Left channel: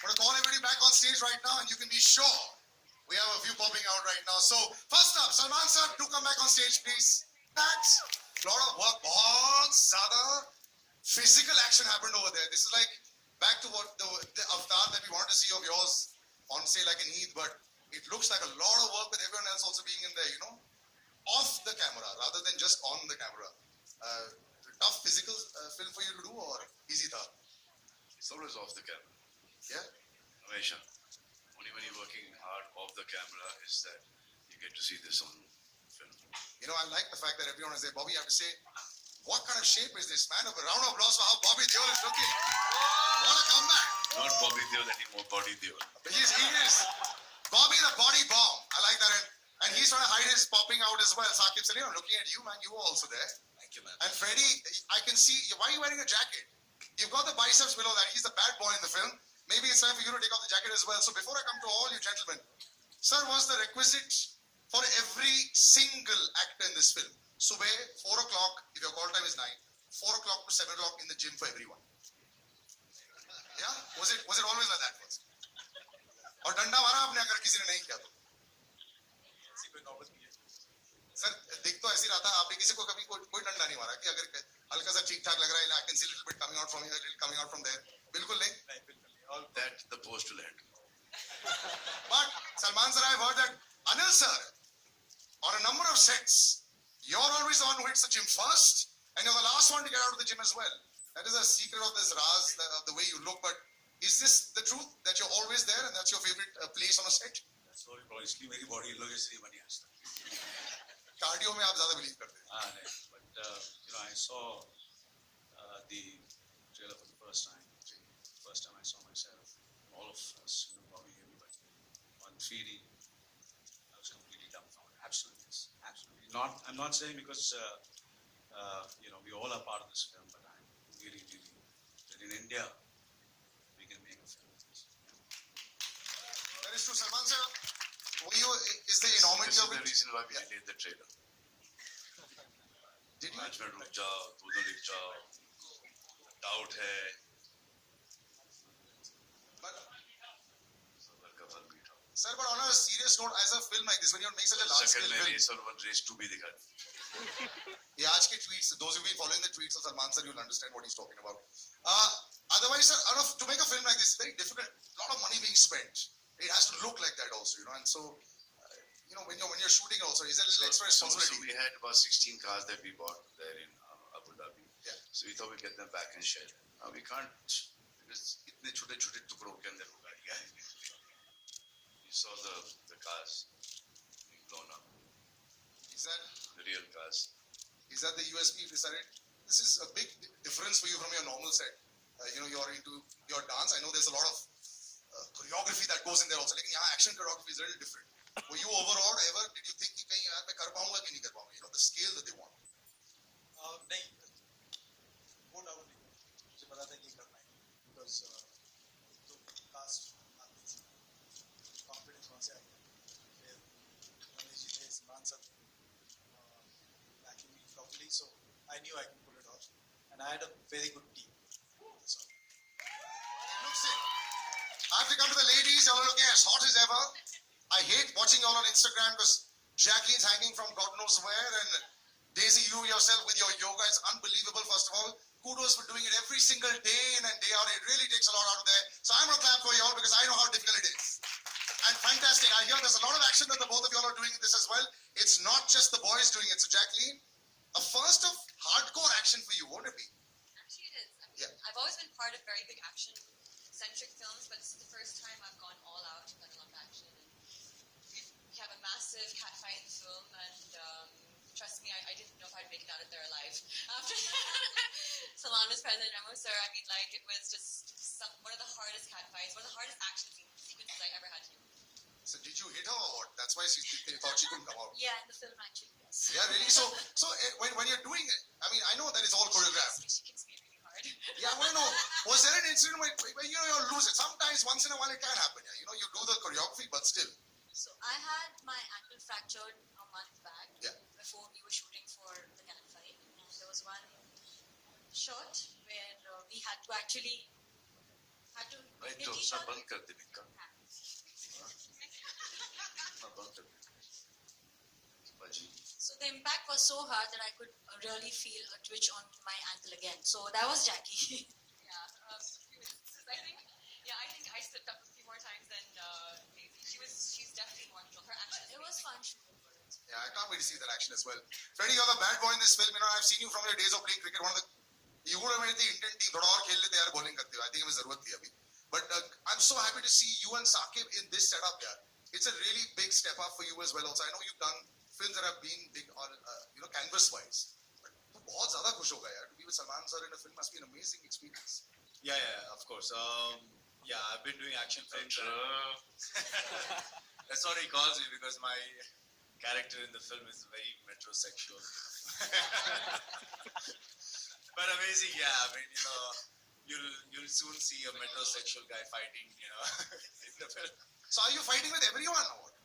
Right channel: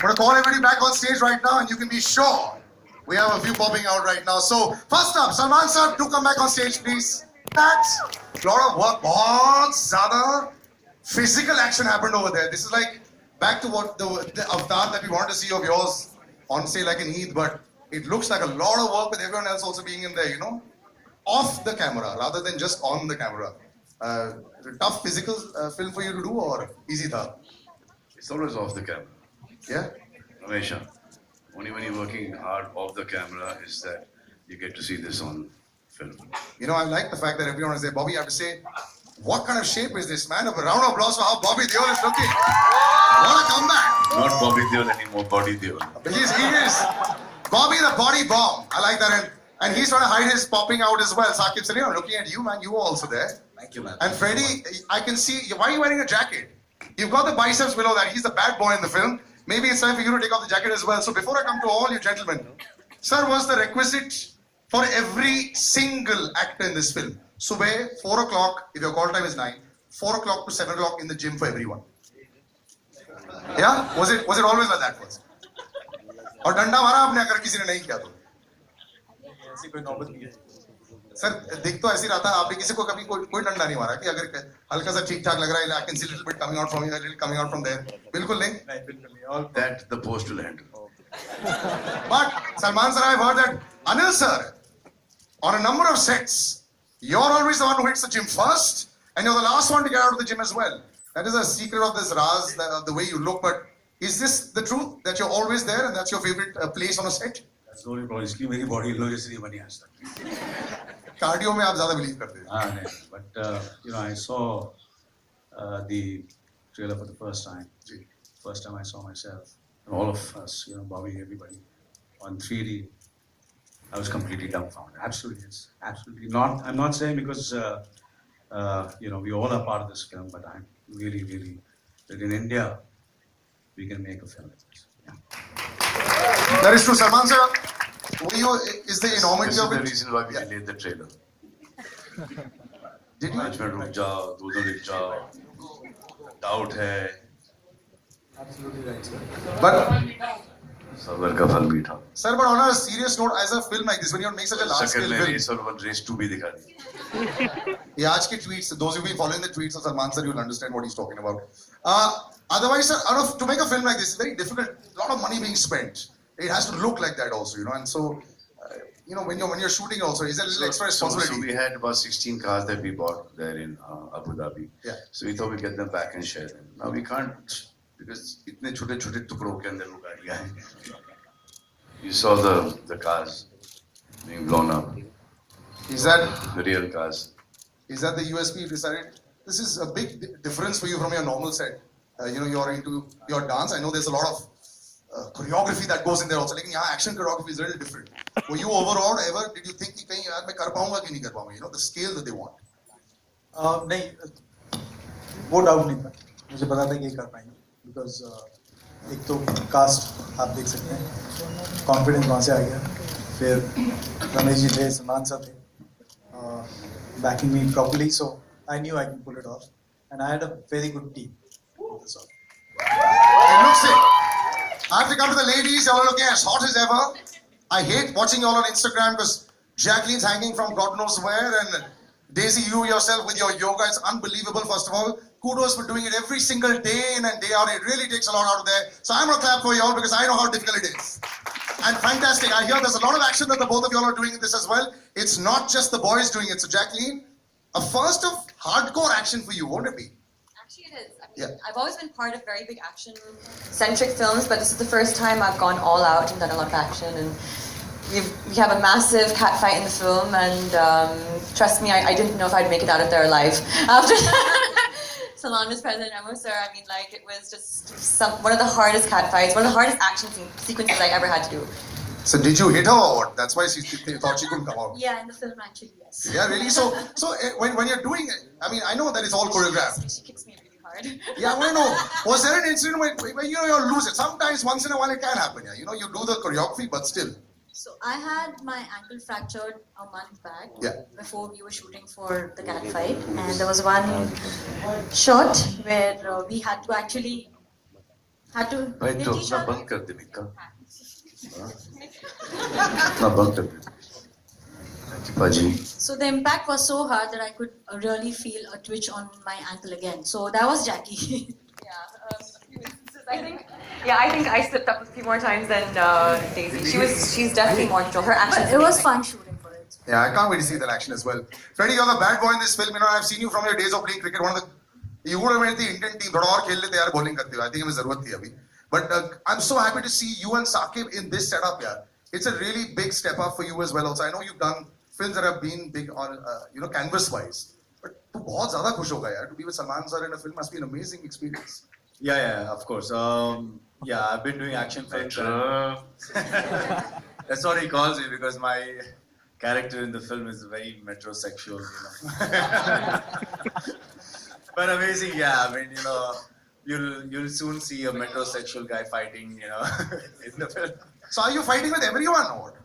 I'm going to call everybody back on stage right now, and you can be sure we have a few popping out right now. So, first up, Salman sir, do come back on stage, please. That's a lot of work. बहुत ज़्यादा physical action happened over there. This is like back to what the avatar that we want to see of yours on, say, like an Eid, but it looks like a lot of work with everyone else also being in there, you know, off the camera rather than just on the camera. Tough physical film for you to do, or easy tha? It's always off the camera. Yeah? Ramesha, only when you're working hard off the camera is that you get to see this on film. You know, I like the fact that everyone is there. Bobby, you have to say, what kind of shape is this, man? A round of applause for how Bobby Deol is looking. What a comeback. Not Bobby Deol anymore, Body Deol. He is. Bobby the body bomb. I like that. And he's trying to hide his popping out as well. Saqib Salim, I'm looking at you, man. You were also there. Thank you, man. And Freddie, I can see, why are you wearing a jacket? You've got the biceps below that. He's the bad boy in the film. Maybe it's time for you to take off the jacket as well. So before I come to all you gentlemen, sir, what's the requisite for every single actor in this film? Subah, 4 o'clock, if your call time is 9, 4 o'clock to 7 o'clock in the gym for everyone. Yeah? Was it always like that first? और डंडा मारा आपने अगर किसी ने नहीं किया तो? ऐसी कोई नौबत नहीं है। सर दिख तो ऐसी रहा था आपने किसी को कभी कोई डंडा नहीं मारा कि अगर हल्का सा ठीक ठाक लग रहा है I can see little bit coming out from here, little coming out from there. बिल्कुल नहीं? नहीं बिल्कुल नहीं। All That the post will handle. But Salman sir, I've heard that Anil sir, on a number of sets, you're always the one who hits the gym first, and you're the last one to get out of the gym as well. That is a secret of this Raz, the way you look. But is this the truth that you're always there and that's your favorite place on a set? that's the only problem. इसलिए मेरी body low इसलिए बनी आज तक। Cardio में आप ज़्यादा believe करते हैं. हाँ नहीं, but you know I saw the trailer for the first time. First time I saw myself, all of us, you know, Bobby, everybody, on 3D. I was completely dumbfounded. Absolutely, yes, absolutely not. I'm not saying because you know we all are part of this film, but I'm really that in India we can make a film like this. Yeah. That is true, Salman sir. Is the This enormity is of the it? reason why we delayed the trailer. Did you? Management रुक जाओ, दो रुक जाओ, doubt है, Absolutely right, sir. But सबर का फल मीठा. sir, but on a serious note, as a film like this, when you make such a large scale Second में film, race और one race 2 भी दिखा दी. ये आज के tweets, those who've been following the tweets of Salman sir, you'll understand what he's talking about. Otherwise, sir, to make a film like this, it's very difficult. A lot of money being spent. It has to look like that also, you know. And so, you know, when you're shooting also, is there a little extra responsibility? So we had about 16 cars that we bought there in Abu Dhabi. Yeah. So we thought we'd get them back and share them. Now we can't because इतने छोटे-छोटे टुकड़ों के अंदर वो गाड़ियाँ हैं. You saw the cars being blown up. Is that The real cars. the USP you decided? This is a big difference for you from your normal set. You know, you're into your dance. I know there's a lot of choreography that goes in there also. लेकिन यहाँ action choreography is a little different. Were you overawed ever? Did you think कि कहीं यार मैं कर पाऊँगा कि नहीं कर पाऊँगा? You know, the scale that they want. नहीं, वो डाउट नहीं था. मुझे पता था कि ये कर पाएंगे. Because एक तो कास्ट आप देख सकते हैं, कॉन्फिडेंस वहाँ से आ गया. फिर रमेश जी थे, सलमान साहब थे, backing me properly, so I knew I can pull it off, and I had a very good team. It looks it. I have to come to the ladies. Y'all are looking as hot as ever. I hate watching y'all on Instagram because Jacqueline's hanging from God knows where, and Daisy, you yourself with your yoga, it's unbelievable. First of all, kudos for doing it every single day in and day out. It really takes a lot out of there. So I'm gonna clap for y'all because I know how difficult it is. And fantastic. I hear there's a lot of action that the both of y'all are doing in this as well. It's not just the boys doing it. So Jacqueline, a first of hardcore action for you, won't it be? Actually, it is. I mean, Yeah. I've always been part of very big action-centric films, but this is the first time I've gone all out and done a lot of action. And we have a massive cat fight in the film, and trust me, I didn't know if I'd make it out of there alive after Salman was present. Amo sir, I mean, like, it was just one of the hardest cat fights, one of the hardest action sequences I ever had to do. So did you hit her or what? That's why she thought she couldn't come out. Yeah, in the film, actually, yes. Yeah, really? So when you're doing it, I mean, I know that it's all choreographed. She kicks me really hard. Yeah, I know. Was there an incident where you know you'll lose it? Sometimes, once in a while, it can happen. Yeah, you know, you do the choreography, but still. So I had my ankle fractured a month back before we were shooting for the cat fight, and there was one shot where we had to actually had to भाई तो Nitish, अपना बंद कर दे मिक्का अपना बंद कर दे Thank you, Paji. so the impact was so hard that I could really feel a twitch on my ankle again. So that was Jackie. Yeah, a few instances. I think I slipped up a few more times than Daisy. She's definitely more control. Her action. But it was fun shooting for it. Yeah, I can't wait to see that action as well. Freddie, you're the bad boy in this film. You know, I've seen you from your days of playing cricket. You would have made the Indian team. थोड़ा और खेल लेते यार bowling करते हुए. I think हमें जरूरत थी अभी. But I'm so happy to see you and Saqib in this setup, यार. It's a really big step up for you as well. Also, I know you've done films that have been big on, canvas wise. But तू बहुत ज़्यादा खुश होगा यार. To be with Salman sir in a film must be an amazing experience. Yeah, of course. Yeah, I've been doing action films. That's what he calls me because my character in the film is very metrosexual, But amazing, yeah. I mean, you'll soon see a metrosexual guy fighting, in the film. So are you fighting with everyone or what?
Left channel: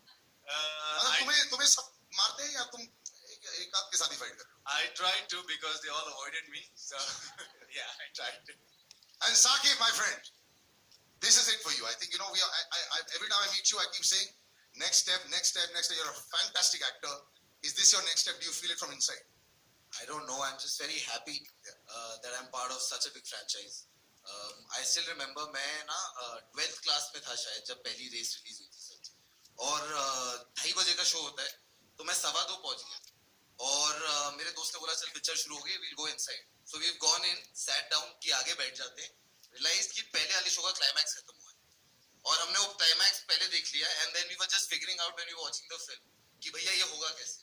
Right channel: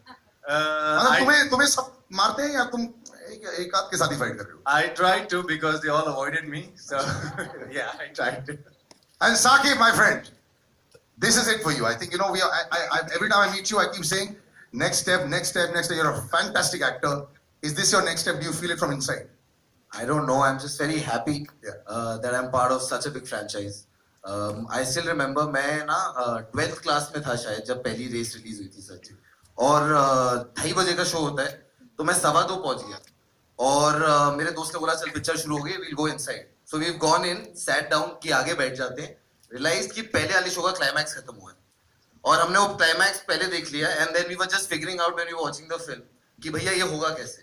मतलब तुम्हें सब मारते हैं या तुम एक आध के साथ ही fight कर रहे हो? I tried to because they all avoided me. So, yeah, I tried to. And Saqib, my friend, this is it for you. I think, every time I meet you, I keep saying, next step, next step, next step. You're a fantastic actor. Is this your next step? Do you feel it from inside? I don't know. I'm just very happy Yeah. that I'm part of such a big franchise. I still remember मैं ना 12th class में था शायद जब पहली race release हुई थी सच और 2:30 बजे का शो होता है तो मैं 2:15 पहुंच गया और मेरे दोस्त ने बोला चल पिक्चर शुरू हो गई we'll go inside. So we've gone in, sat down कि आगे बैठ जाते हैं realized कि पहले वाले शो का क्लाइमैक्स खत्म हुआ है और हमने वो क्लाइमैक्स पहले देख लिया and then we were just figuring out when we were watching the film कि भैया ये होगा कैसे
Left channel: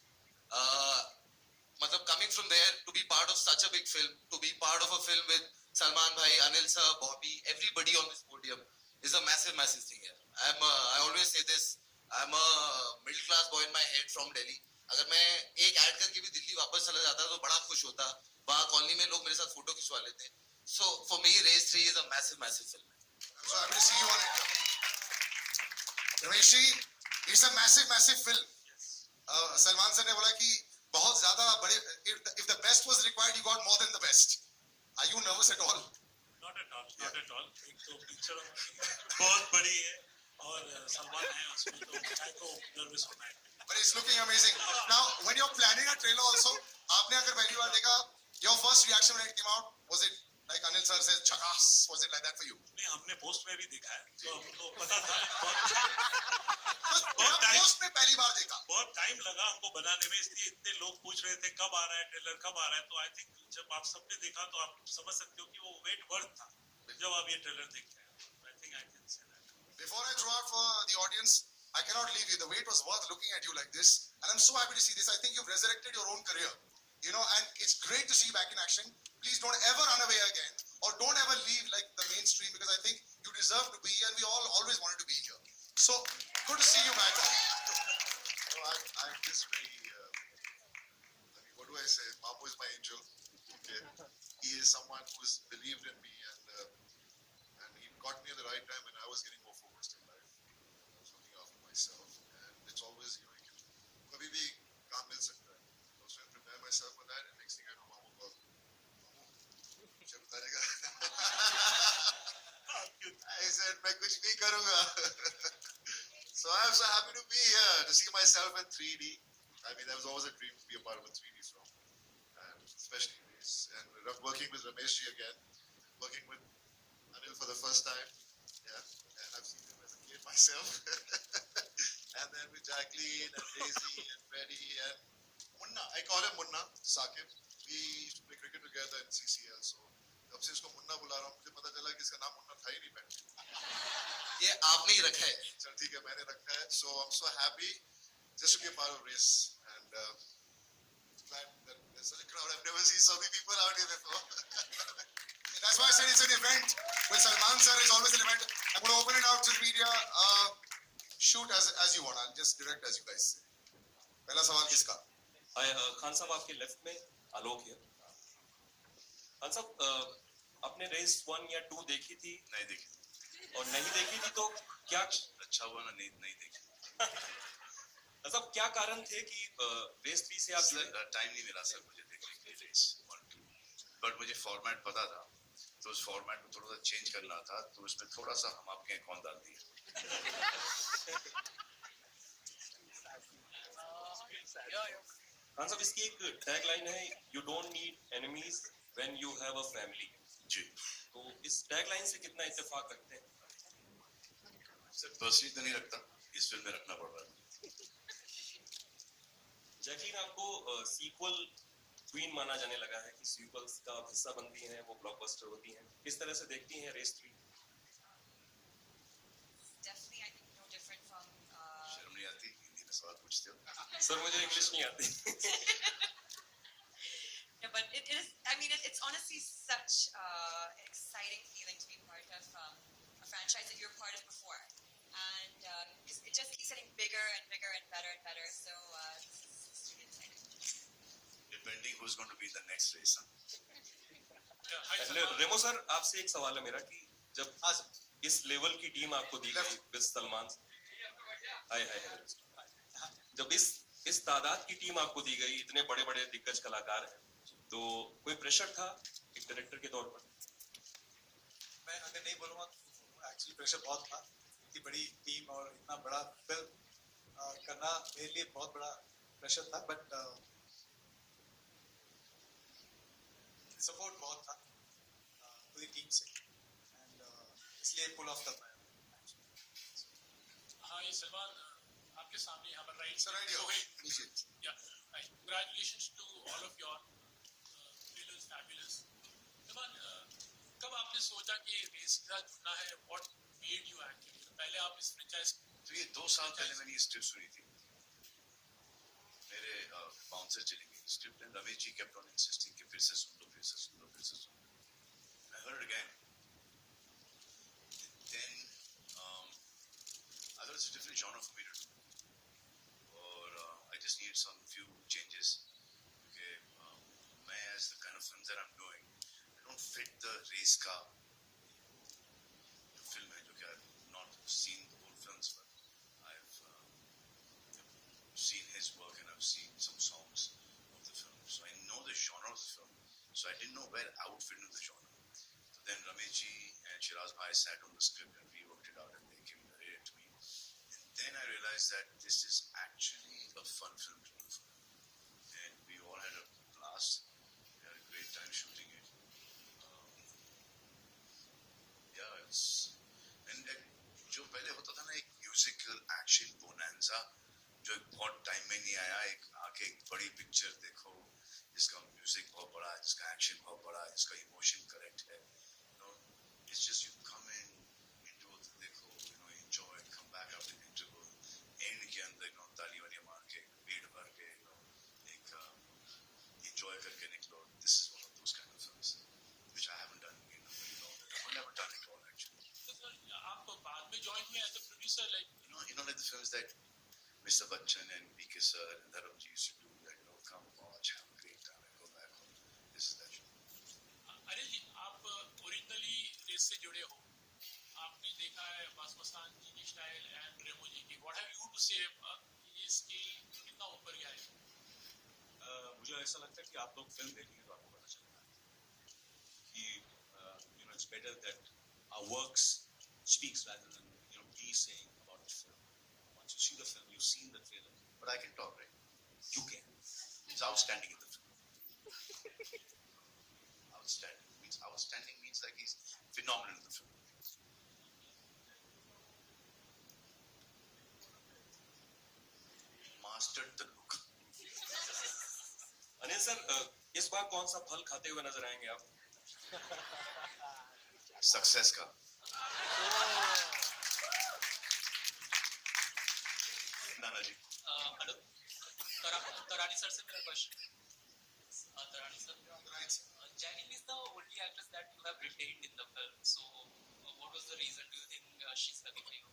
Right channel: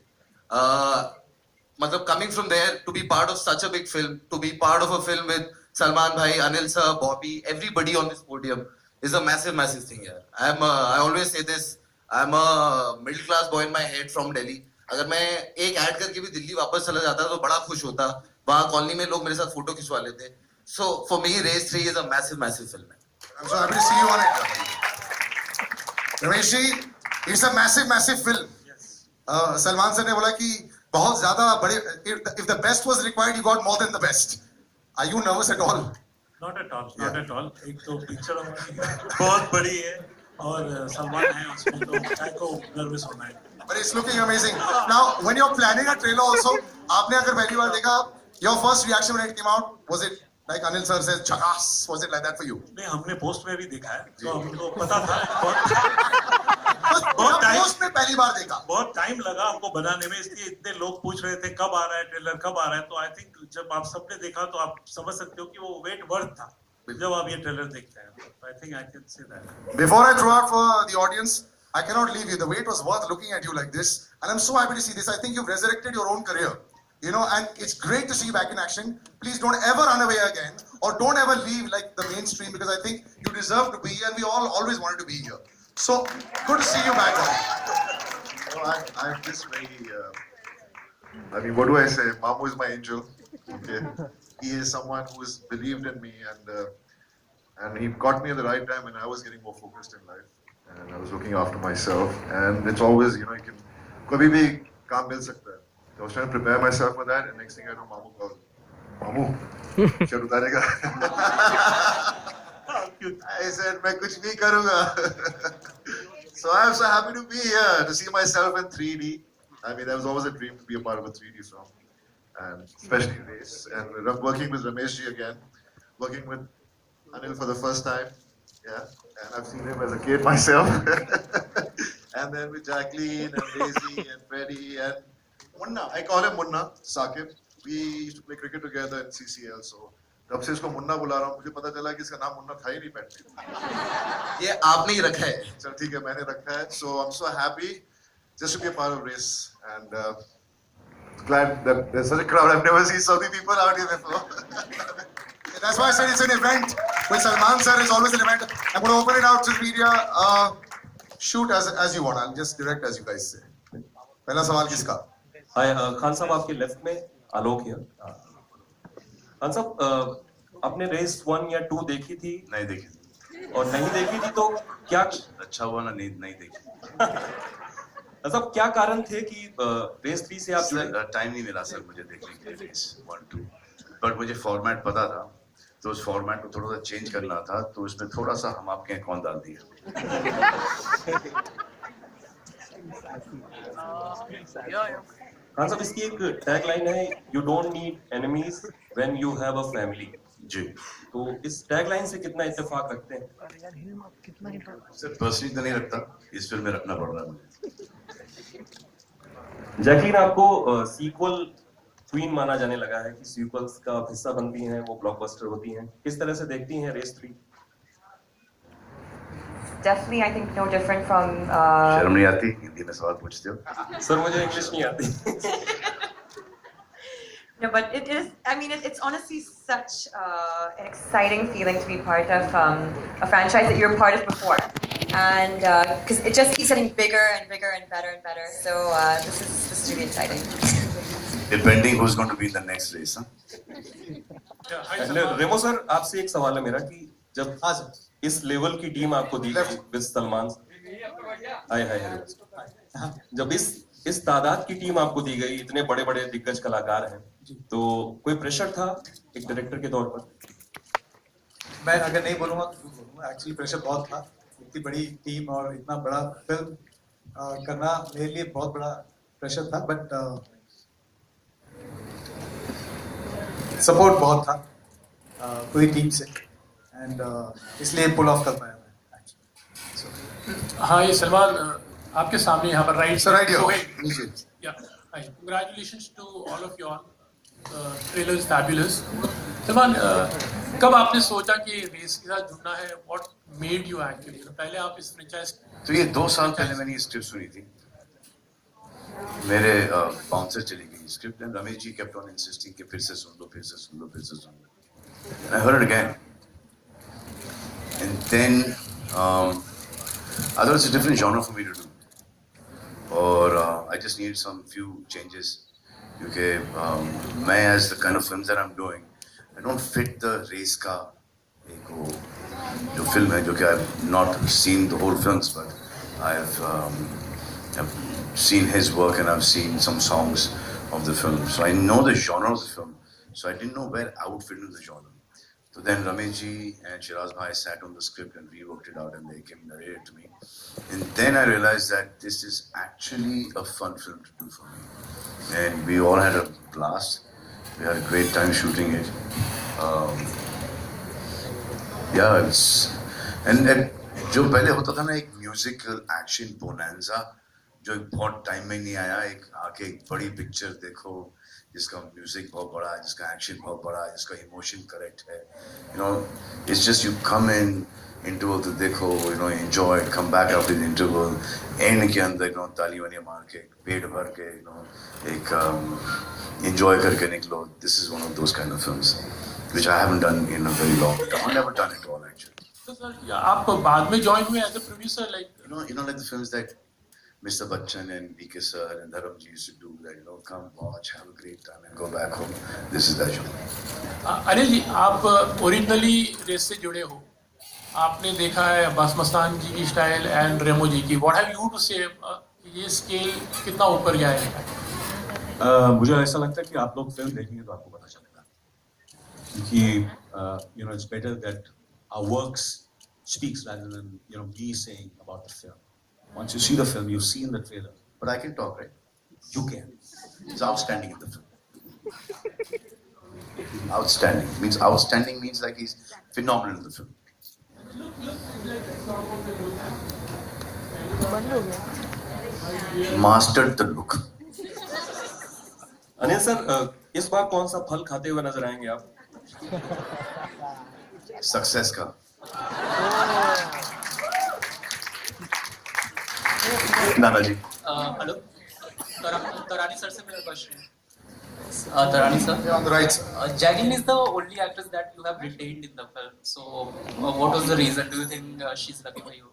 मतलब coming from there to be part of such a big film, to be part of a film with Salman bhai, Anil sir, Bobby, everybody on this podium is a massive, massive thing here. I always say this, I'm a middle class boy in my head from Delhi. अगर मैं एक add करके भी दिल्ली वापस चला जाता तो बड़ा खुश होता वहाँ कॉलोनी में लोग मेरे साथ फोटो खिंचवा लेते So for me, Race 3 is a massive, massive film. I'm so happy to see you on it. Ramesh ji, it's a massive, massive film. Yes. Salman sir ने बोला कि बहुत ज़्यादा बड़े. If the best was required, you got more than the best. Are you nervous at all? Not at all, not at all. एक तो picture हमारी बहुत बड़ी है और सलमान है उसमें तो काय को नर्वस होना है. But it's looking amazing. Now, when you're planning a trailer also, आपने अगर पहली बार देखा, your first reaction when it came out, was it like Anil sir says, "Chakas"? Was it like that for you? नहीं हमने post में भी देखा है तो हमको पता था पोस्ट में पहली बार देखा. बहुत टाइम लगा हमको बनाने में इसलिए इतने लोग पूछ रहे थे कब आ रहा है ट्रेलर कब आ रहा है तो आई थिंक जब आप सबने देखा तो आप समझ सकते हो कि वो वेट वर्थ था जब आप ये ट्रेलर देखते हैं I think I can say that. Before I throw out for the audience, I cannot leave you. The wait was worth looking at you like this, and I'm so happy to see this. I think you've resurrected your own career. And it's great to see you back in action. Please don't ever run away again, or don't ever leave like the mainstream because I think you deserve to be here, and we all always wanted to be here. So good to see you back on. I'm just very. I mean, what do I say? Mamu is my angel. Okay, he is someone who has believed in me, and he got me at the right time when I was getting more focused in life, and I was looking after myself. And it's always, you can, kabhi bhi kaam mil sakta hai. So I was trying to prepare myself for that, and next thing I know, Mamu calls me. Mamu, shirt utarega? I said, मैं कुछ नहीं करूँगा. So I'm so happy to be here, to see myself in 3D. I mean, that was always a dream to be a part of a 3D film, and especially Race. And working with Ramesh ji again, working with Anil for the first time, and I've seen him as a kid myself. And then with Jacqueline and Daisy and Freddie and Munna, I call him Munna, Saqib. We used to play cricket together in CCL, so तब से इसको मुन्ना बुला रहा हूँ मुझे पता चला कि इसका नाम मुन्ना था ही नहीं पहले. ये आपने ही रखा है. चल ठीक है मैंने रखा है. So I'm so happy just to be a part of Race, and glad that there's such a crowd. I've never seen so many people out here before. That's why I said it's an event. With Salman sir, it's always an event. I'm going to open it out to media. Shoot as you want. I'll just direct as you guys say. पहला सवाल किसका? हाय खान साहब आपके left में आलोक है. खान साहब आपने race 1 या 2 देखी थी नहीं देखी और नहीं देखी थी तो क्या अच्छा हुआ ना नहीं देखी. मतलब क्या कारण थे कि रेस 3 से आप जुड़े? टाइम नहीं मिला सर मुझे देखने के लिए रेस 1 2 बट मुझे फॉर्मेट पता था तो उस फॉर्मेट को थोड़ा सा चेंज करना था, तो इसमें थोड़ा सा हम आपके यहाँ कौन डाल दिया. खान साहब, इसकी एक टैग लाइन है, you don't need enemies when you have a family. जी. तो इस टैग लाइन से कितना इत्तेफाक रखते हैं? सिर्फ पर्सनली तो नहीं रखता, इस फिल्म में रखना पड़ रहा है मुझे. जैकलीन आपको सीक्वल क्वीन माना जाने लगा है कि सीक्वल्स का हिस्सा बनती हैं, वो ब्लॉकबस्टर होती हैं. किस तरह से देखती हैं race 3? Definitely, I think no different from. शर्म नहीं आती हिंदी में सवाल पूछते हो? सर मुझे इंग्लिश नहीं आती. No, but it is. I mean, it's honestly such an exciting feeling to be part of a franchise that you're part of before, and because it just keeps getting bigger and bigger and better and better. So this is really exciting. Depending who's going to be in the next race, huh? Remo sir, आपसे एक सवाल है मेरा कि जब इस level की team आपको दी गई विद सलमान, जब इस तादाद की टीम आपको दी गई, इतने बड़े बड़े दिग्गज कलाकार हैं, तो कोई प्रेशर था एक डायरेक्टर के तौर पर? मैं अगर नहीं बोलूँगा तो बोलूँगा, एक्चुअली प्रेशर बहुत था. इतनी बड़ी टीम और इतना बड़ा फिल्म करना मेरे लिए बहुत बड़ा प्रेशर था, बट सपोर्ट बहुत था पूरी टीम से, एंड इसलिए पुल ऑफ कर पाया मैं. हाँ, ये सलमान आपके सामने यहाँ पर राइट. Sir, right here. नीचे. Yeah. Hi. Congratulations to all of you all. Trailer is fabulous. Salman, कब आपने सोचा कि रेस के साथ जुड़ना है? What made you actually? पहले आप इस franchise. तो ये 2 साल पहले मैंने ये स्क्रिप्ट सुनी थी. मेरे बाउंसर चली गई script, and Ramesh ji kept on insisting कि फिर से सुन लो, फिर से सुन लो, फिर से सुन लो. I heard it again, and then I thought it's a different genre for me to do, or I just needed some few changes. Because मैं as the kind of films that I'm doing, I don't fit the race का एक वो जो film है, जो कि I've not seen the whole films, but I've seen his work and I've seen some songs of the film, so I know the genre of the film, so I didn't know where I would fit into the genre. So then Ramesh ji and Shiraz bhai sat on the script and reworked it out, and they came and narrated to me, and then I realized that this is actually a fun film to do for me, and we all had a blast. We had a great time shooting it. Yeah, it's and जो पहले होता था ना, एक musical action bonanza, जो बहुत time में नहीं आया. एक आके एक बड़ी पिक्चर देखो जिसका म्यूजिक बहुत बड़ा है, जिसका एक्शन बहुत बड़ा है, जिसका इमोशन करेक्ट है. You know, it's just you come in interval तो देखो, you know, enjoy it, come back after the interval, end के अंदर you know ताली वाली मार के पेट भर के you know एक enjoy करके निकलो. This is one of those kind of films which I haven't done in a very long time. I've never done it all actually. तो सर, आप बाद में join हुए as a producer, like. You know like the films that Mr. Bachchan and V.K. sir and Dharamji used to do, that you know, come watch, have a great time and go back home. This is that genre. Anil ji, आप originally race से जुड़े हो, आपने देखा है अब्बास मस्तान जी की style and रेमो जी की. What have you to से, ये स्केल कितना ऊपर गया है? मुझे ऐसा लगता है कि आप लोग फिल्म देखेंगे तो आपको पता चलेगा, क्योंकि you know, it's better that our works speaks rather than you know me saying about the film. Once you see the film, you've seen the trailer. But I can talk, right? You can. It's outstanding in the film. Outstanding means like he's phenomenal in the film. Mastered the look. Anil sir, इस बार कौन सा फल खाते हुए नजर आएंगे आप? Success का. नाना जी. हेलो, तरानी सर से मेरा question. Tarani sir. Yeah, on the right sir. Jacqueline is the only actress that you have retained in the film. So, what was the reason? Do you think she's lucky for you?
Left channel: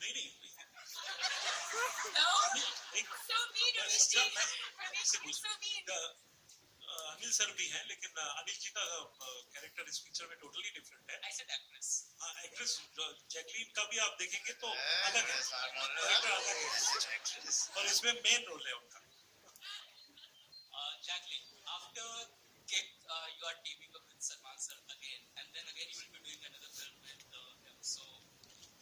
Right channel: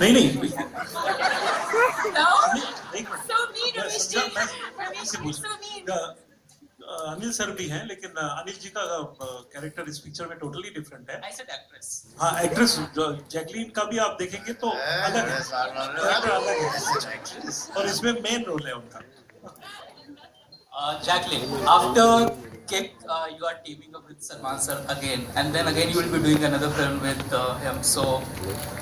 नहीं. No. So mean, Ramesh ji. Ramesh ji, so mean. Anil sir भी हैं, लेकिन अनिल जी का character इस picture में totally different है. I said actress. हाँ, actress Jacqueline का भी आप देखेंगे तो अलग है, कैरेक्टर अलग है, और इसमें मेन रोल है उनका. Jacqueline, after Kick, you are teaming up with Salman sir again, and then again you will be doing another film with him. So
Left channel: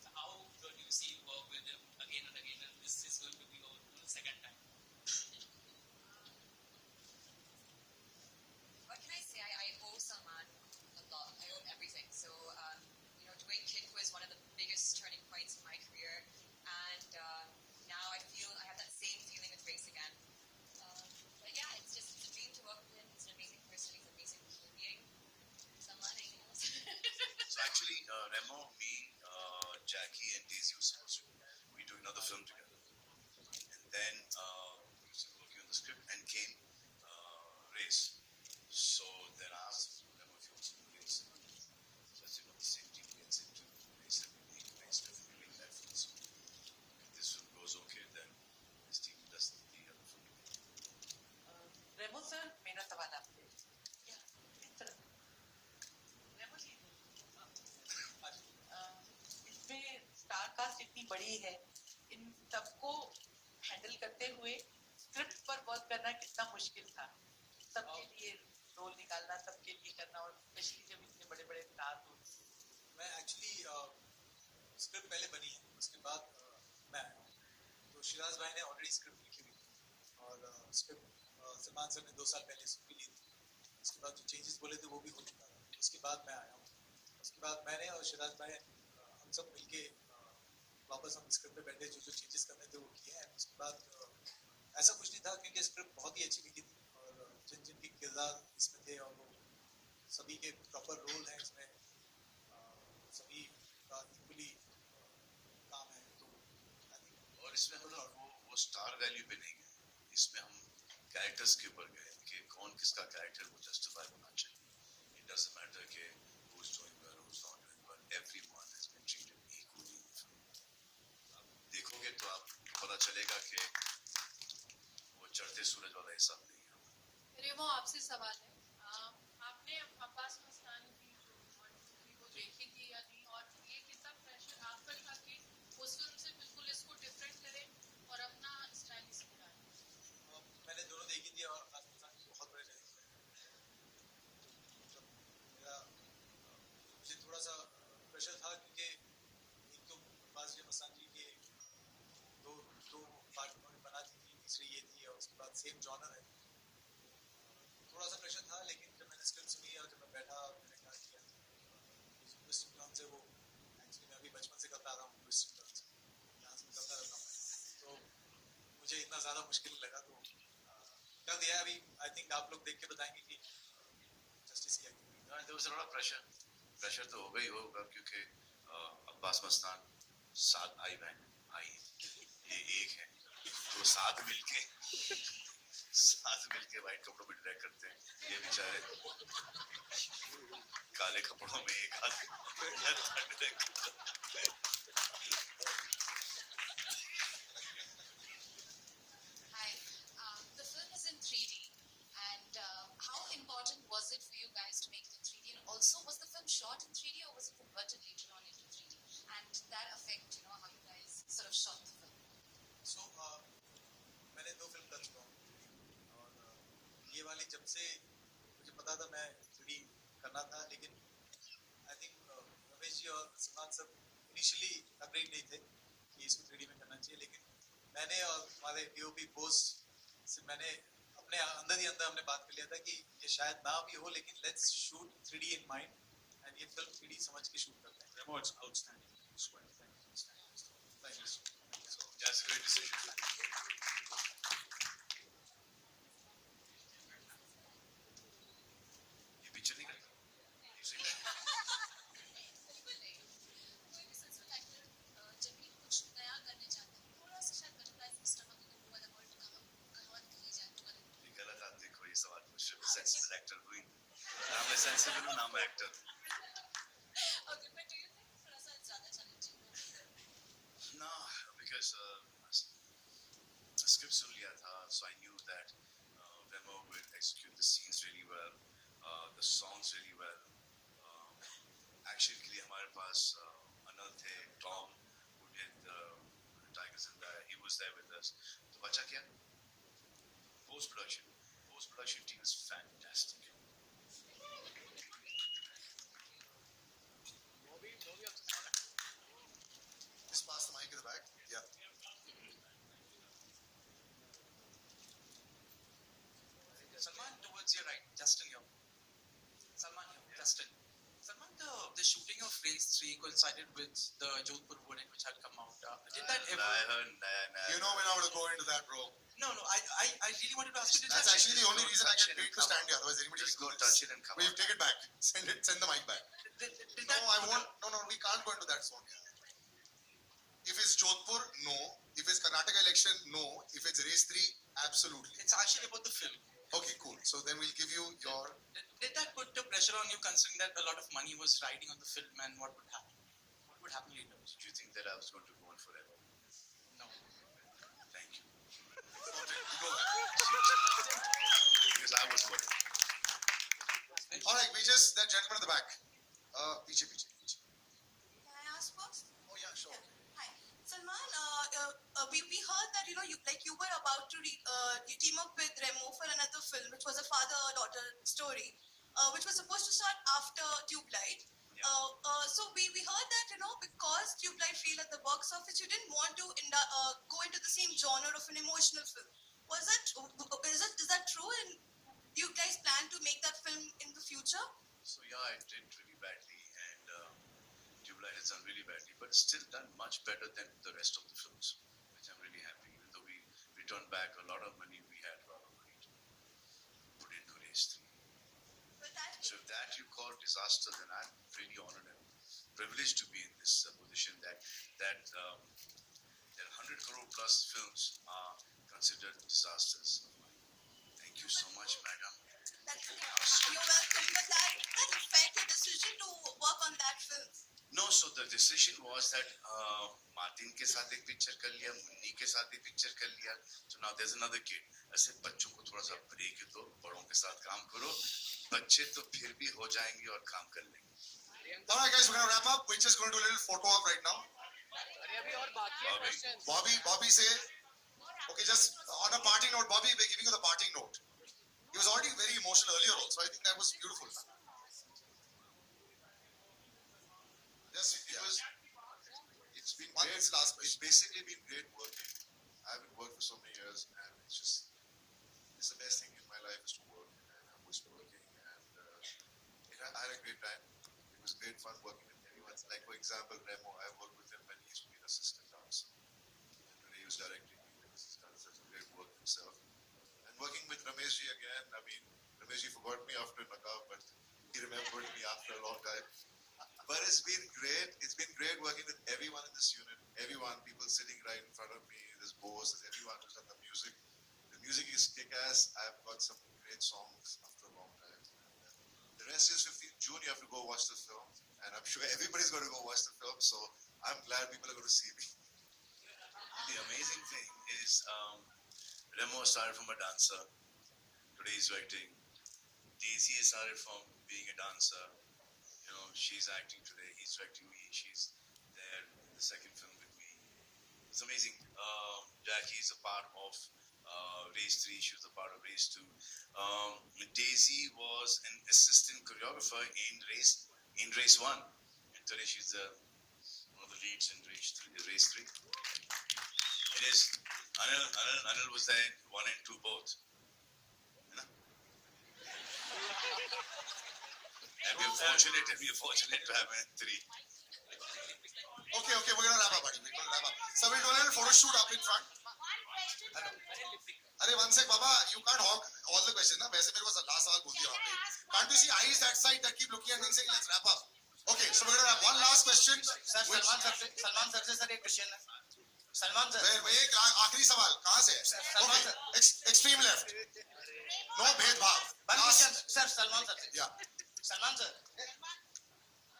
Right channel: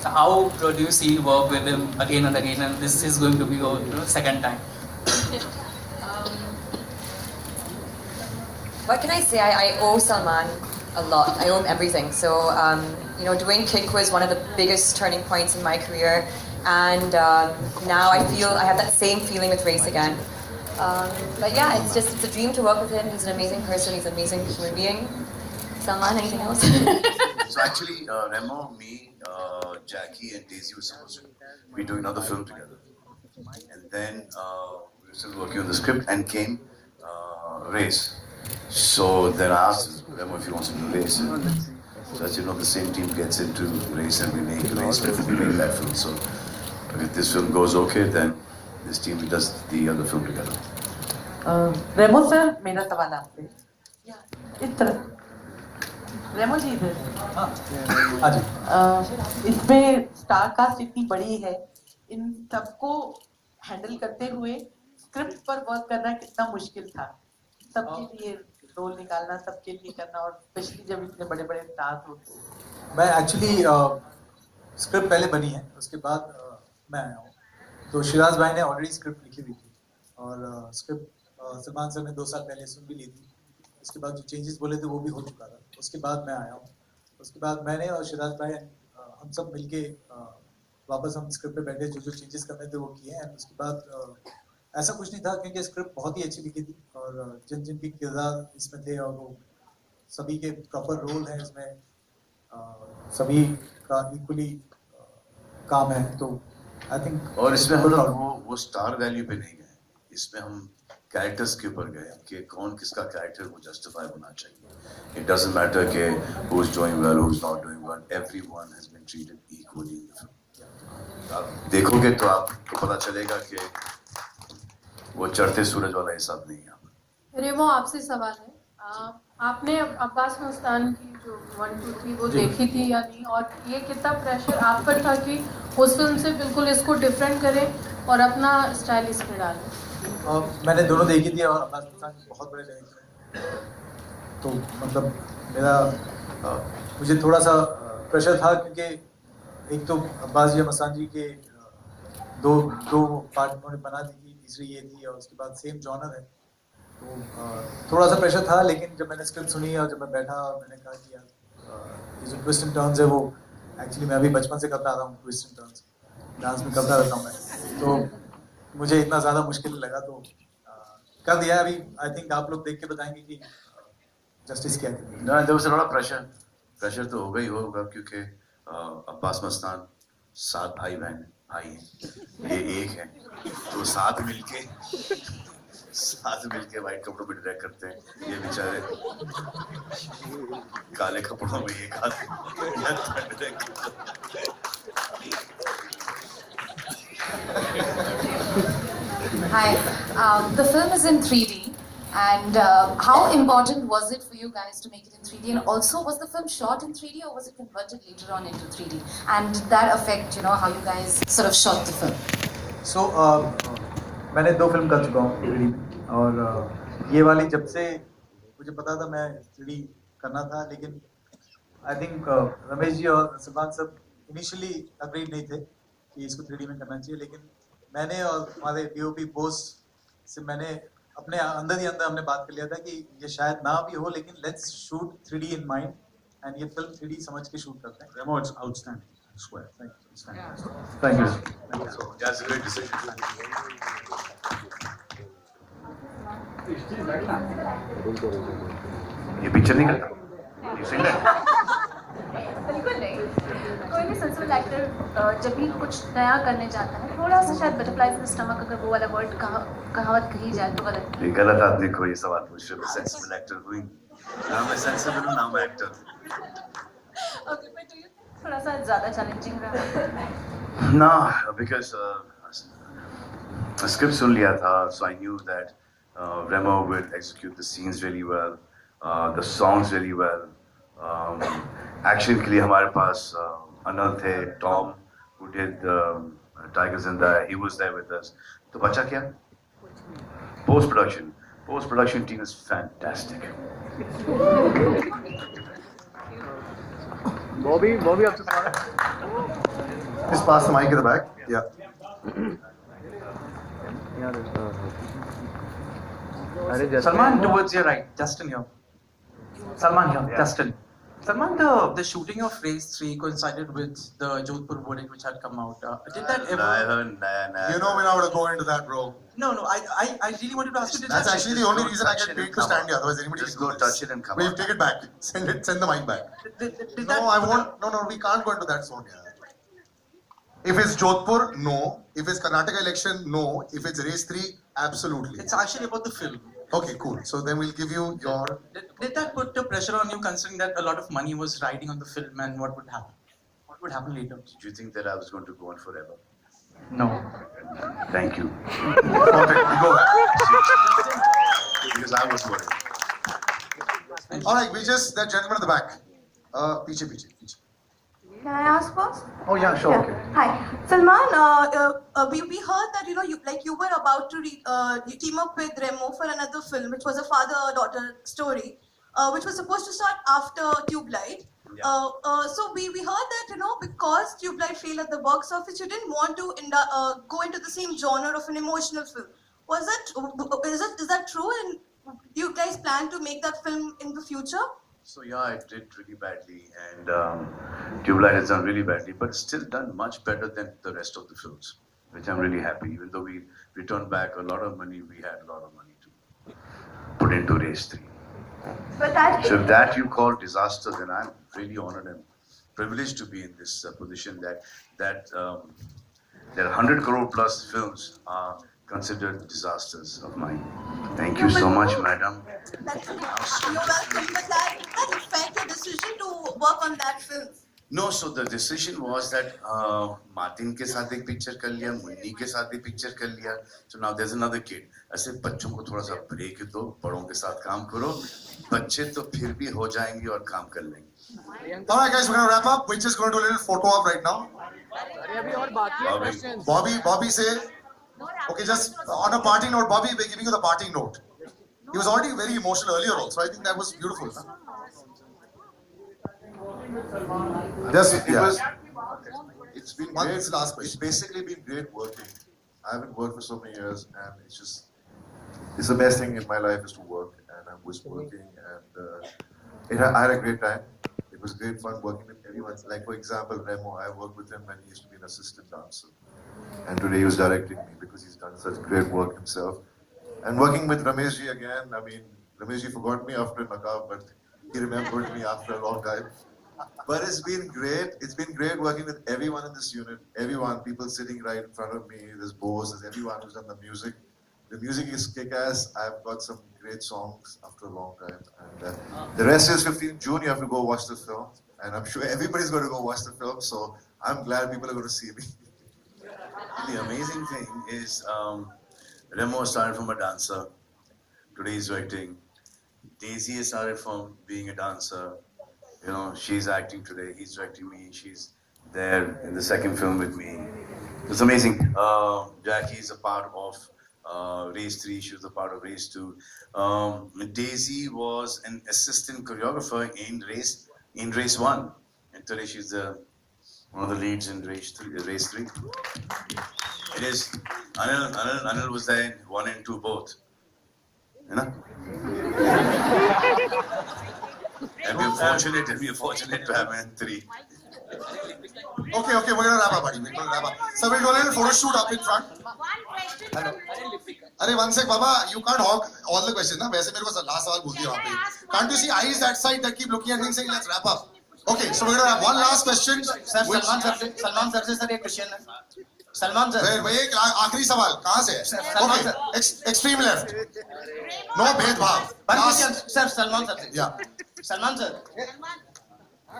how do you see work with him again and again? And this is going to be your second time. What can I say? I owe Salman a lot. I owe him everything. So, doing Kick was one of the biggest turning points in my career. And now I feel I have that same feeling with Race again. But yeah, it's a dream to work with him. He's an amazing person. He's an amazing human being. Salman, anything else? So actually, Remo, me, Jackie and Daisy were supposed to be doing another film together. And then we were still working on the script and came Race. So then I asked Remo if he wants to do Race. So as you know, the same team gets into Race and we make Race before we make that film. So if this film goes okay, then this team does the other film together. Remo sir, मेरा सवाल आपसे. इस तरह रेमो जी इधर. हाँ जी. इसमें star cast इतनी बड़ी है, इन सबको हैंडल करते हुए स्क्रिप्ट पर वर्क करना कितना मुश्किल था. सबके लिए रोल निकालना, सबके लिए करना, और स्पेशली जब इतने बड़े बड़े स्टार्स होते हैं. मैं एक्चुअली स्क्रिप्ट पहले बनी है, उसके बाद मैं आया हूँ. तो शिराज भाई ने ऑलरेडी स्क्रिप्ट लिखी हुई थी और स्क्रिप्ट सलमान सर ने 2 साल पहले सुन भी ली थी. उसके बाद जो चेंजेस बोले थे वो भी हो चुका था. उसके बाद मैं आया हूँ. उसके बाद मैंने और शिराज भाई हम सब मिलके वापस हम स्क्रिप्ट पे बैठे, जो चेंजेस करने थे वो किए. एंड उसके बाद ऐसा कुछ नहीं था, क्योंकि स्क्रिप्ट बहुत ही अच्छी लिखी थी और जिन जिन के किरदार इसमें थे और वो सभी के प्रॉपर रोल हैं इसमें, सभी का इक्वली काम है. तो आई थिंक और इसमें हम लोग वो स्टार वैल्यू पे नहीं गए. इसमें हम कैरेक्टर्स के ऊपर गए कि कौन किसका कैरेक्टर वो जस्टिफाई होना चाहिए. It doesn't matter कि who's doing well, who's not doing well. Everyone has been treated equally in the film. आप देखोगे तो आपको पता चलेगा कि वो चढ़ते सूरज वाला हिसाब नहीं है. रेमो, आपसे सवाल है. आपने अब्बास मस्तान की जो 1, 2, 3 वो देखी थी या नहीं, और ये कितना प्रेशर आप पर था कि उस फिल्म से बिल्कुल इसको डिफरेंट करें और अपना स्टाइल इसमें डालें? मैंने दोनों देखी थी और अब्बास मस्तान के बहुत बड़े डायरेक्टर हैं. तो मतलब मुझे थोड़ा सा प्रेशर था, क्योंकि एक तो अब्बास जी मस्तान जी के दो पार्ट उन्होंने बना दी थी, तीसरी ये थी, और उसके बाद सेम जॉनर है. तो थोड़ा सा प्रेशर था. लेकिन जब मैंने स्क्रिप्ट सुनी और जब मैं बैठा, मैंने कहा कि यार ये जो ट्विस्ट एंड टर्न्स है वो एक्चुअली मैं अभी बचपन से करता आ रहा हूँ. ट्विस्ट एंड टर्न्स डांस में करता रहता हूँ मैं. तो मुझे इतना ज़्यादा मुश्किल लगा तो कर दिया. अभी आई थिंक आप लोग देख के बताएंगे कि जस्टिस क्या है. ना, there was a lot of pressure. Pressure तो होगा ही होगा, क्योंकि अब्बास मस्तान 7 भाई बहन हैं, ये एक है. तो साथ मिलके वाइट कपड़ों में डायरेक्ट करते हैं. ये बेचारे काले कपड़ों में एक हाथ Hi, the film is in 3D, and how important was it for you guys to make it in 3D? And also, was the film shot in 3D or was it converted later on into 3D? And did that affect, how you guys sort of shot the film? So, मैंने 2 film कर चुका हूँ 3D में, और ये वाली जब से मुझे पता था मैं 3D करना था. लेकिन आई थिंक रमेश जी और सलमान सब इनिशियली अग्रीड नहीं थे कि इसको 3D में करना चाहिए. लेकिन मैंने और हमारे DOP बोस से मैंने अपने अंदर ही अंदर हमने बात कर लिया था कि ये शायद ना भी हो, लेकिन let's shoot 3D in mind, and ये फिल्म 3D समझ के शूट करते हैं. Remo, it's outstanding. I swear. Thank you. Thank you. So that's a great decision. ये पिक्चर नहीं करता. You sing that? बिल्कुल नहीं. कोई भी सक्सेसफुल एक्टर जब भी कुछ नया करने जाता है, थोड़ा सा शायद बटरफ्लाई इन स्टमक, अगर वो वाला वर्ड कहावत कही जाए तो गलत. ये गलत आदमी को ये सवाल पूछ रहे हो. सेंसिबल एक्टर हुई. नाम है सेंसिबल, नाम है actor. Okay, but do you think थोड़ा सा ज़्यादा चैलेंजिंग रहा? No, because स्क्रिप्ट सुन लिया था, so I knew that Remo will execute the scenes really well, the songs really well. Action के लिए हमारे पास अनल थे, Tom who did Tiger Zinda, he was there with us. तो बचा क्या? Post production team is fantastic. Bobby आपसे सवाल Just pass the mic at the back. Yeah. Salman, towards your right. Justin here. Salman here. Justin. Salman, the shooting of Race 3 coincided with the Jodhpur verdict which had come out. Did that ever... You know we're not going to go into that, bro. No, I really wanted to ask you. That's actually the only reason I get paid to stand here. Otherwise, anybody Just go touch it and come Wait, out. take it back. Send the mic back. Did I won't. No, we can't go into that zone here. If it's Jodhpur, no. If it's Karnataka election, no. If it's Race 3, absolutely. It's actually about the film. Okay, cool. So then we'll give you your... Did that put the pressure on you considering that a lot of money was riding on the film and what would happen? What would happen later? Did you think that I was going to go on forever? No. Thank you. Perfect. We go back. Because I was worried. All right, that gentleman at the back. Piche. Can I ask first? Oh yeah, sure. Okay. Hi, Salman. We heard that you were about to team up with Remo for another film, which was a father-daughter story, which was supposed to start after Tube Light. Yeah. So we heard that because Tube Light failed at the box office, you didn't want to go into the same genre of an emotional film. Is that true? And you guys plan to make that film in the future? So yeah, it did really badly, and Tube Light has done really badly, but it's still done much better than the rest of the films, which I'm really happy. Even though we returned back a lot of money, we had a lot of money to put into Race 3. But that... So if that you call disaster, then I'm really honored and privileged to be in this position that 100 crore plus films are considered disasters of mine. Thank you so much, madam. You're welcome, but that affect your decision to work on that film? No, so the decision was that Martin के साथ एक picture कर लिया, मुन्नी के साथ एक picture कर लिया. So now there's another kid. ऐसे बच्चों को थोड़ा सा break दो, बड़ों के साथ काम करो. बच्चे तो फिर भी हो जाएंगे और काम कर लेंगे. All right, guys, we're going to wrap up. We're just going to do a little photo op right now. Bobby say, okay, just on a parting note, Bobby, we're giving you the parting note. He was already very emotional earlier also. I think that was beautiful. It's been One great. last question. It's basically been great working. I haven't worked for so many years, and it's the best thing in my life is to work, and I was working, and I had a great time. It was great fun working with everyone. Like for example, Remo, I worked with him when he used to be an assistant dancer, and today he was directing me because he's done such great work himself. And working with Rameshji again, I mean, Rameshji forgot me after Naqab, but he remembered me after a long time. But it's been great. It's been great working with everyone in this unit. Everyone, people sitting right in front of me. There's Bose, there's everyone who's done the music. The music is kick-ass. I've got some great songs after a long time. And the rest is 15th June. You have to go watch the film. And I'm sure everybody's going to go watch the film. So I'm glad people are going to see me. The amazing thing is Remo started from a dancer. Today he's directing. Daisy started from being a dancer. You know, she's acting today. He's directing me. She's there in the second film with me. It's amazing. Jackie is a part of Race 3. She was a part of Race 2. Daisy was an assistant choreographer in Race 1. And today she's one of the leads in Race 3. It is Anil was there in 1 and 2 both. You know? And we're fortunate to have him in 3. Okay, we're going to wrap up, buddy. We're going to wrap up. So we'll do a little photo shoot up in front. Hello. Arey, one sec, Baba. You can't hog all the questions, na? वैसे मेरे को last सवाल पूछ दिया वहाँ पे. Can't you see eyes that side that keep looking at me and saying, let's wrap up? Okay, so we're going to have one last question. Sir, Salman sir से sir एक question है. Salman sir. वही एक आखिरी सवाल कहाँ से है? Okay, extreme left. No भेदभाव. Sir, Salman sir. Yeah. Salman sir.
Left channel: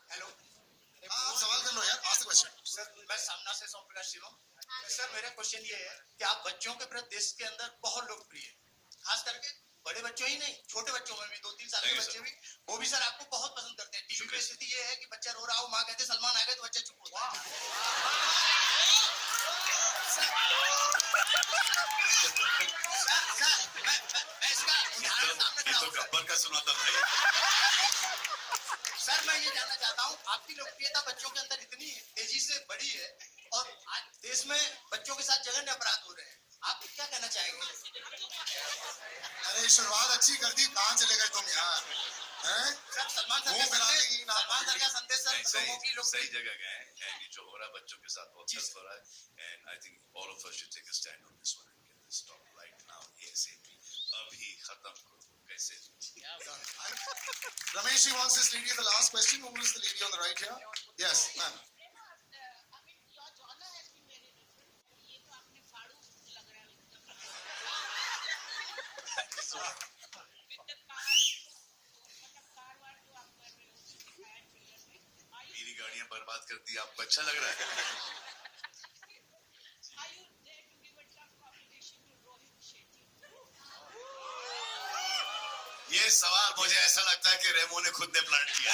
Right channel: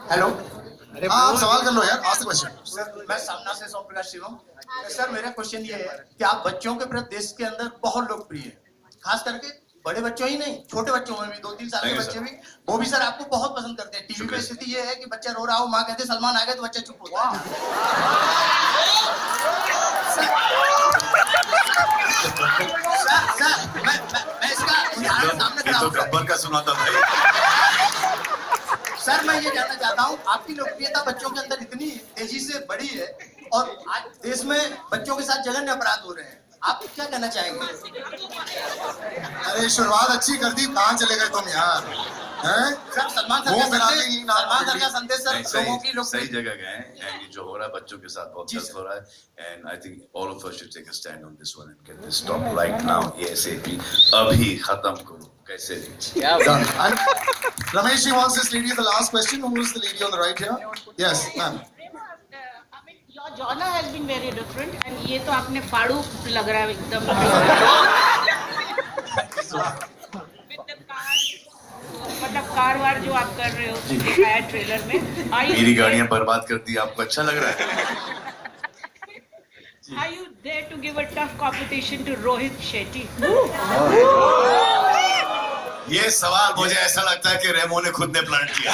Hello. आप सवाल कर लो यार. Ask the question. सर मैं सामना से सोम प्रकाश शिवम. सर मेरा क्वेश्चन ये है कि आप बच्चों के प्रति देश के अंदर बहुत लोकप्रिय हैं. खास करके बड़े बच्चों ही नहीं, छोटे बच्चों में भी, 2-3 साल के बच्चे भी, वो भी सर आपको बहुत पसंद करते हैं। टीवी पे स्थिति ये है कि बच्चा रो रहा हो, माँ कहते सलमान आ गए तो बच्चा चुप होता है। सर, मैं इसका उदाहरण सामने खड़ा हूं। गब्बर का सुनाता भाई। सर मैं ये जानना चाहता हूँ, आपकी लोकप्रियता बच्चों के अंदर इतनी तेजी से बढ़ी है और आज देश में बच्चों के साथ जघन्य अपराध हो रहे हैं, आप क्या कहना चाहेंगे? अरे शुरुआत अच्छी कर दी, कहाँ चले गए तुम यार? हैं? सर सलमान सर का संदेश सर लोगों की सही जगह गए हैं एंड ये जो हो रहा है बच्चों के साथ बहुत गलत हो रहा है and I think all of us should take a stand on this one and get this stop right now ASAP अभी खत्म करो कैसे भी Done. Ramesh, she wants this lady the last question. Who is the lady on the right here? Yes, ma'am. Your genre has been very different and ये तो आपने फाड़ू लग रहा है एकदम। मतलब कार वार जो आप कर रहे हो दिखाया ट्रेलर में, मेरी गाड़ियां बर्बाद कर दी, आपको अच्छा लग रहा है? Are you there to give a tough competition to Rohit Shetty? ये सवाल मुझे ऐसा लगता है कि रेमो ने खुद ने प्लान किया।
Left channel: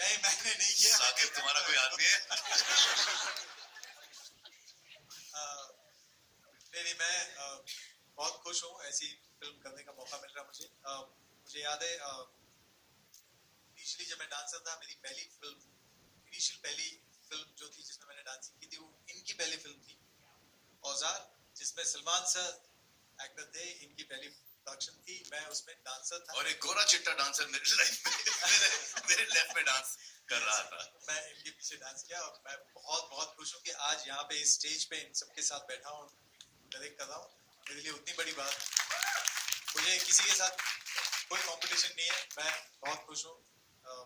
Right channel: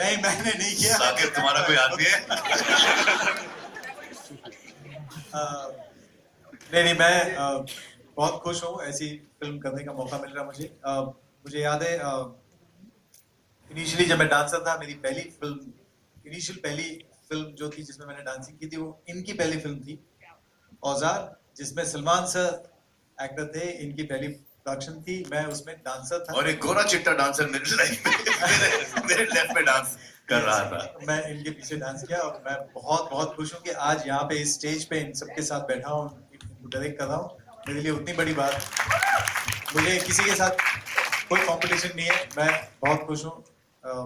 नहीं मैंने नहीं किया। साकिब तुम्हारा कोई आदमी है? नहीं मैं बहुत खुश हूँ, ऐसी फिल्म करने का मौका मिल रहा मुझे। मुझे याद है इनिशियली जब मैं डांसर था, मेरी पहली फिल्म जो थी जिसमें मैंने डांसिंग की थी वो इनकी पहली फिल्म थी औजार, जिसमें सलमान सर एक्टर थे। इनकी पहली प्रोडक्शन थी, मैं उसमें डांसर था और एक गोरा चिट्टा डांसर मेरे लाइफ में मेरे लेफ्ट में डांस कर रहा था। मैं इनके पीछे डांस किया और मैं बहुत बहुत खुश हूँ कि आज यहाँ पे इस स्टेज पे इन सबके साथ बैठा हूँ, डायरेक्ट कर रहा हूँ। मेरे लिए उतनी बड़ी बात, मुझे किसी के साथ कोई कंपटीशन नहीं है, मैं बहुत खुश हूँ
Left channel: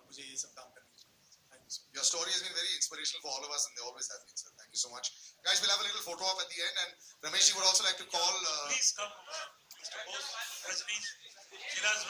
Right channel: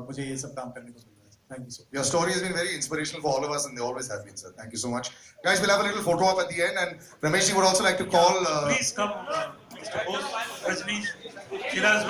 मुझे ये सब काम करने को मिला है। Thank you so much. Your story has been very inspirational for all of us, and they always have been, sir. Thank you so much. Guys, we'll have a little photo op at the end, and Ramesh, you would also like to call. Please come, Mr. Bose, Rajneesh, Shiraz.